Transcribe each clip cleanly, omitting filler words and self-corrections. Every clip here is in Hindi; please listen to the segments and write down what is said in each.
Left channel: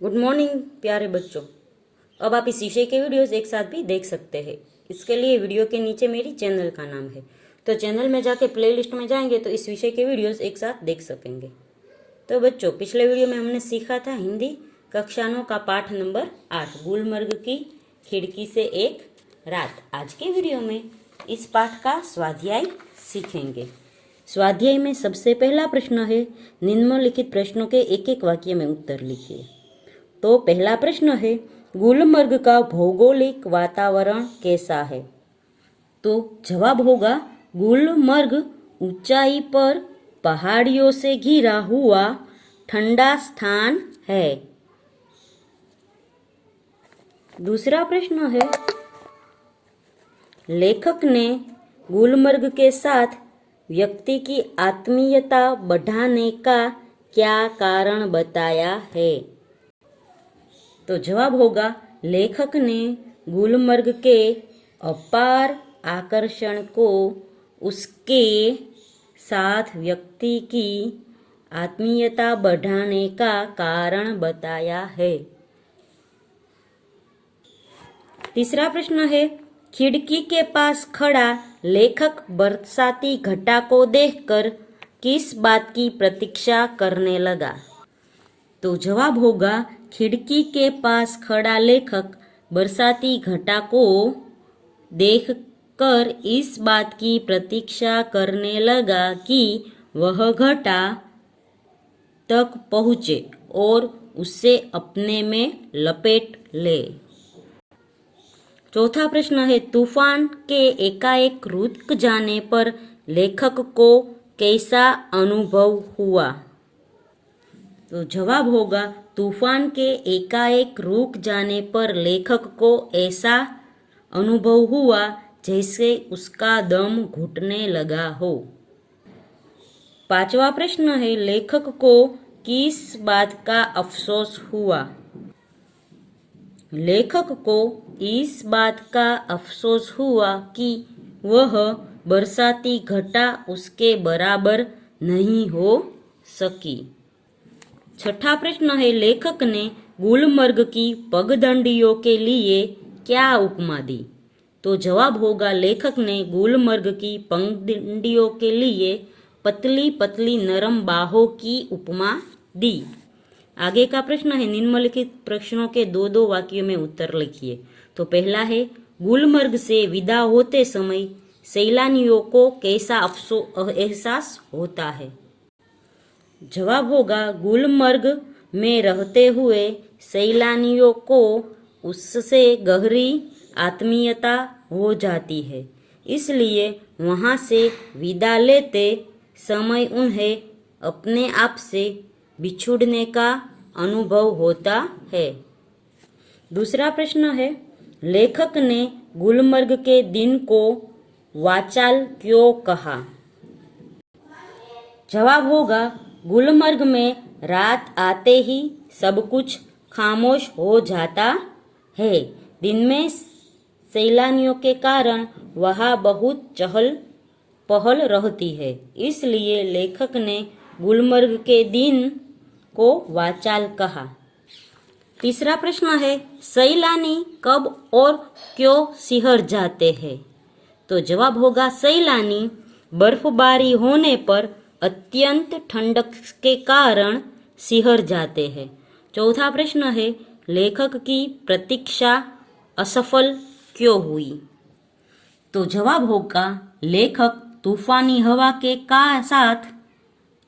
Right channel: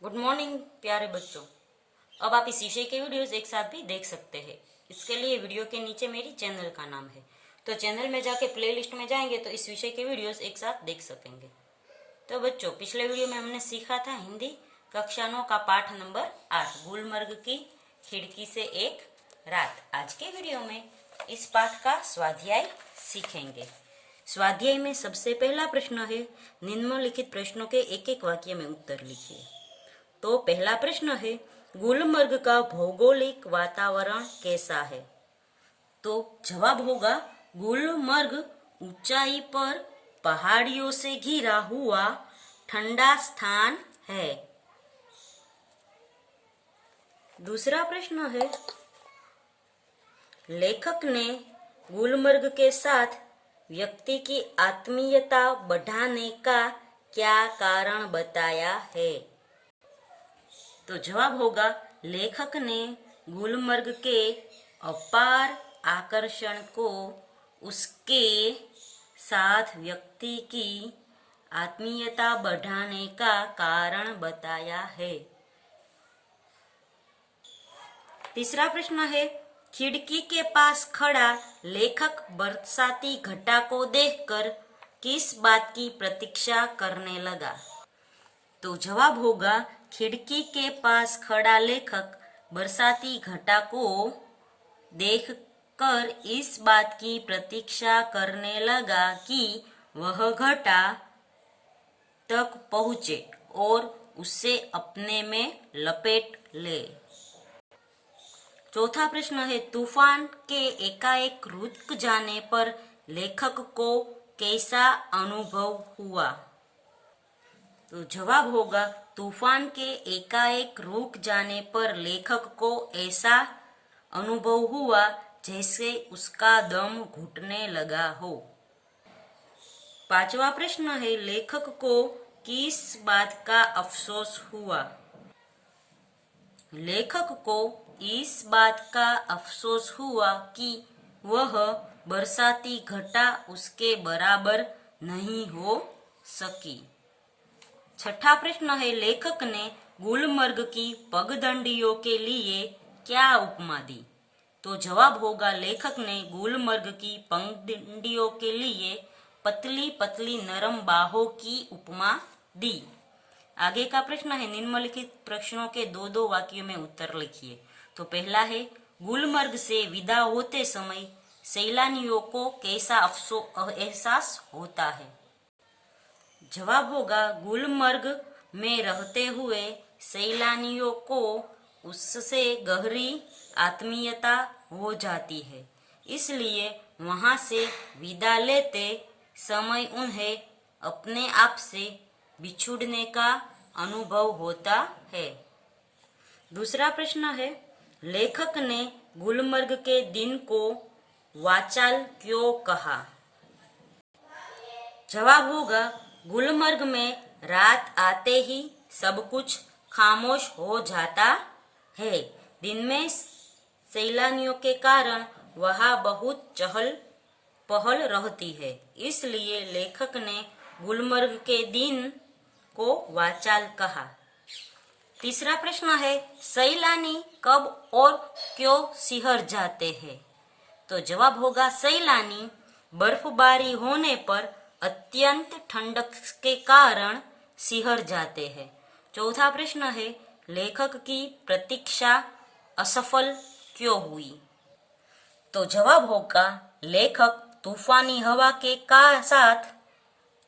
गुड मॉर्निंग प्यारे बच्चों। अब आप इस विषय के वीडियोस एक साथ भी देख सकते हैं। इसके लिए वीडियो के नीचे मेरी चैनल का नाम है, तो चैनल में जाके प्लेलिस्ट में जाएंगे तो इस विषय के वीडियोस एक साथ देख सकेंगे। तो बच्चों, पिछले वीडियो में हमने सीखा था हिंदी कक्षा 9 का पाठ नंबर 8 गुलमर्ग की खिड़की से एक रात। आज के वीडियो में इस पाठ का स्वाध्याय सीखेंगे। स्वाध्याय में सबसे पहला प्रश्न है, निम्नलिखित प्रश्नों के एक एक वाक्य में उत्तर लिखिए। तो पहला प्रश्न है, गुलमर्ग का भौगोलिक वातावरण कैसा है? तो जवाब होगा, गुलमर्ग ऊंचाई पर पहाड़ियों से घिरा हुआ ठंडा स्थान है। दूसरा प्रश्न है, लेखक ने गुलमर्ग के साथ व्यक्ति की आत्मीयता बढ़ाने का क्या कारण बताया है? तो जवाब होगा, लेखक ने गुलमर्ग के अपार आकर्षण को उसके साथ व्यक्ति की आत्मीयता बढ़ाने का कारण बताया है। तीसरा प्रश्न है, खिड़की के पास खड़ा लेखक बरसाती घटा को देखकर किस बात की प्रतीक्षा करने लगा? तो जवाब होगा, खिड़की के पास खड़ा लेखक बरसाती घटा को देखकर इस बात की प्रतीक्षा करने लगा कि वह घटा तक पहुंचे और उसे अपने में लपेट ले। चौथा प्रश्न है, तूफान के एकाएक रुक जाने पर लेखक को कैसा अनुभव हुआ? तो जवाब होगा, तूफान के एकाएक रुक जाने पर लेखक को ऐसा अनुभव हुआ जैसे उसका दम घुटने लगा हो। पांचवा प्रश्न है, लेखक को किस बात का अफसोस हुआ? लेखक को इस बात का अफसोस हुआ कि वह बरसाती घटा उसके बराबर नहीं हो सकी। छठा प्रश्न है, लेखक ने गुलमर्ग की पगडंडियों के लिए क्या उपमा दी? तो जवाब होगा, लेखक ने गुलमर्ग की पगडंडियों के लिए पतली पतली नरम बाहों की उपमा दी। आगे का प्रश्न है, निम्नलिखित प्रश्नों के दो दो वाक्यों में उत्तर लिखिए। तो पहला है, गुलमर्ग से विदा होते समय सैलानियों को कैसा एहसास होता है? जवाब होगा, गुलमर्ग में रहते हुए सैलानियों को उससे गहरी आत्मीयता हो जाती है, इसलिए वहां से विदा लेते समय उन्हें अपने आप से बिछुड़ने का अनुभव होता है। दूसरा प्रश्न है, लेखक ने गुलमर्ग के दिन को वाचाल क्यों कहा? जवाब होगा, गुलमर्ग में रात आते ही सब कुछ खामोश हो जाता है। दिन में सैलानियों के कारण वहां बहुत चहल पहल रहती है, इसलिए लेखक ने गुलमर्ग के दिन को वाचाल कहा। तीसरा प्रश्न है, सैलानी कब और क्यों सिहर जाते हैं? तो जवाब होगा, सैलानी बर्फबारी होने पर अत्यंत ठंडक के कारण सिहर जाते हैं। चौथा प्रश्न है, लेखक की प्रतीक्षा असफल क्यों हुई? तो जवाब होगा, लेखक तूफानी हवा के साथ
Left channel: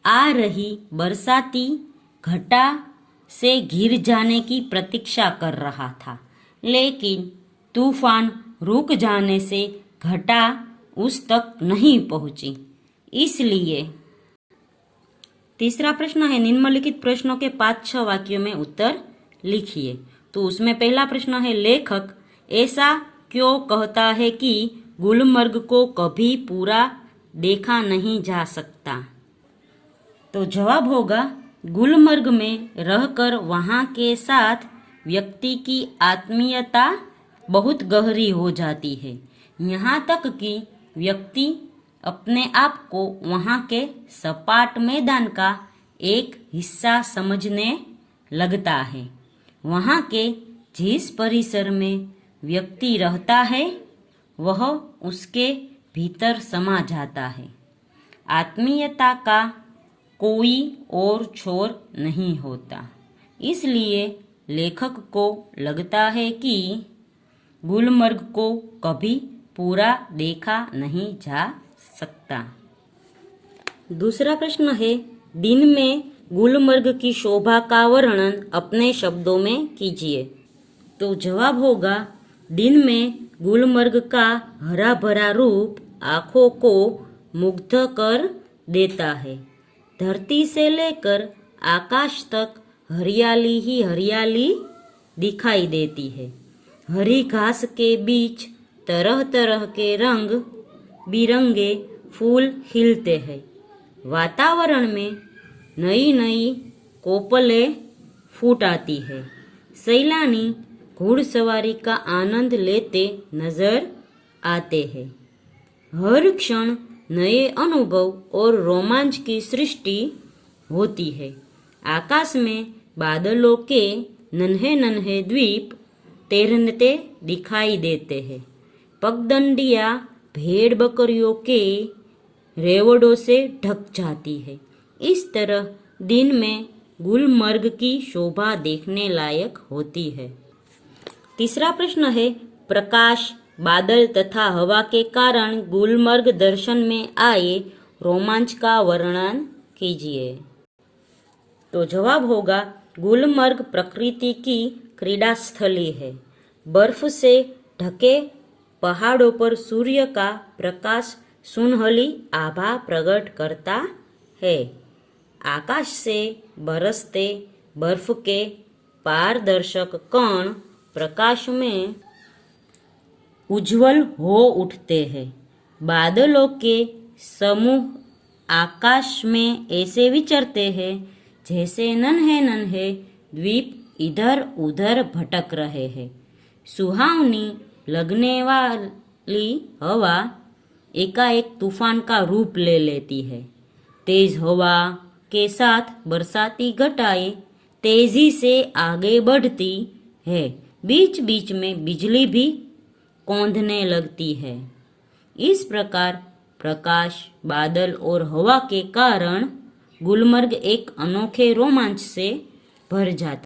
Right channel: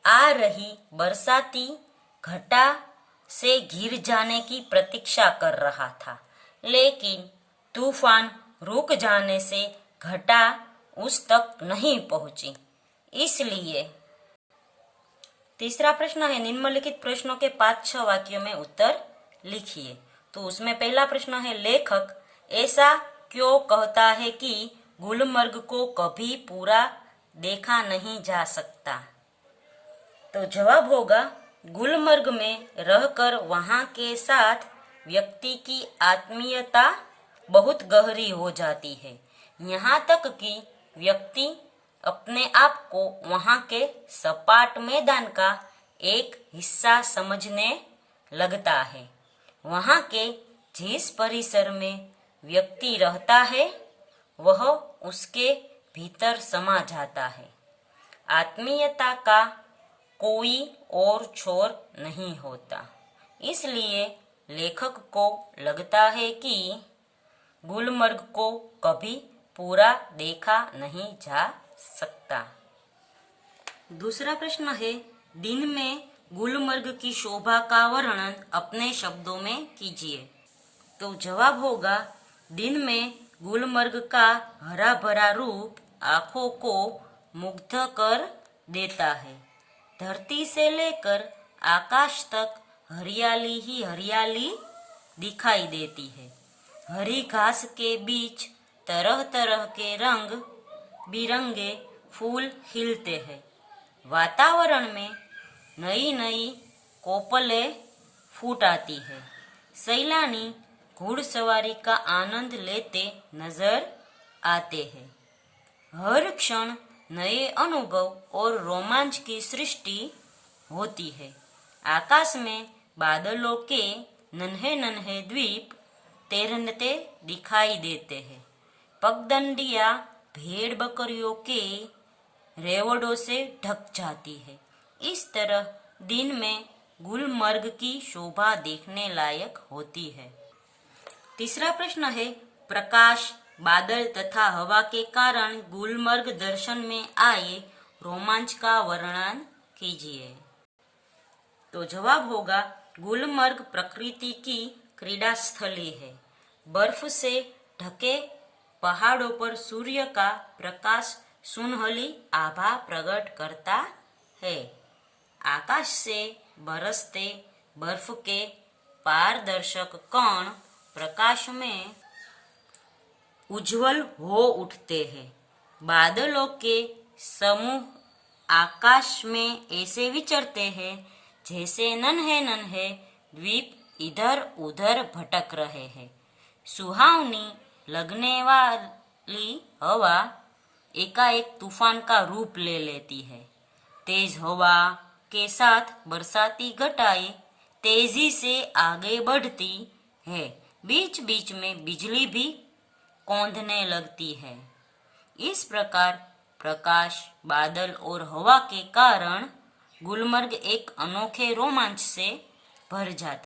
आ रही बरसाती घटा से घिर जाने की प्रतीक्षा कर रहा था, लेकिन तूफान रुक जाने से घटा उस तक नहीं पहुंची, इसलिए। तीसरा प्रश्न है, निम्नलिखित प्रश्नों के 5-6 वाक्यों में उत्तर लिखिए। तो उसमें पहला प्रश्न है, लेखक ऐसा क्यों कहता है कि गुलमर्ग को कभी पूरा देखा नहीं जा सकता? तो जवाब होगा, गुलमर्ग में रहकर वहां के साथ व्यक्ति की आत्मीयता बहुत गहरी हो जाती है, यहाँ तक कि व्यक्ति अपने आप को वहां के सपाट मैदान का एक हिस्सा समझने लगता है। वहाँ के जिस परिसर में व्यक्ति रहता है वह उसके भीतर समा जाता है। आत्मीयता का कोई और छोर नहीं होता। इसलिए लेखक को लगता है कि गुलमर्ग को कभी पूरा देखा नहीं जा सकता। दूसरा प्रश्न है, दिन में गुलमर्ग की शोभा का वर्णन अपने शब्दों में कीजिए। तो जवाब होगा, दिन में गुलमर्ग का हरा भरा रूप आंखों को मुग्ध कर देता है। धरती से लेकर आकाश तक हरियाली ही हरियाली दिखाई देती है। हरी घास के बीच तरह तरह के रंग बिरंगे फूल खिलते हैं। वातावरण में नई नई कोपलें फूट आती है। सैलानी घुड़सवारी का आनंद लेते नजर आते हैं। हर क्षण नए अनुभव और रोमांच की सृष्टि होती है। आकाश में बादलों के नन्हे नन्हे द्वीप तैरते दिखाई देते हैं। पगडंडियां भेड़ बकरियों के रेवड़ों से ढक जाती है। इस तरह दिन में गुलमर्ग की शोभा देखने लायक होती है। तीसरा प्रश्न है, प्रकाश, बादल तथा हवा के कारण गुलमर्ग दर्शन में आए रोमांच का वर्णन कीजिए। तो जवाब होगा, गुलमर्ग प्रकृति की क्रीड़ा स्थली है। बर्फ से ढके पहाड़ों पर सूर्य का प्रकाश सुनहली आभा प्रकट करता है। आकाश से बरसते बर्फ के पारदर्शक कण प्रकाश में उज्जवल हो उठते हैं। बादलों के समूह आकाश में ऐसे विचरते हैं जैसे नन्हे नन्हे द्वीप इधर उधर भटक रहे हैं। सुहावनी लगने वाली हवा एकाएक तूफान का रूप ले लेती है। तेज हवा के साथ बरसाती घटाएं तेजी से आगे बढ़ती है। बीच बीच में बिजली भी कौंधने लगती है। इस प्रकार प्रकाश, बादल और हवा के कारण गुलमर्ग एक अनोखे रोमांच से भर जाता है।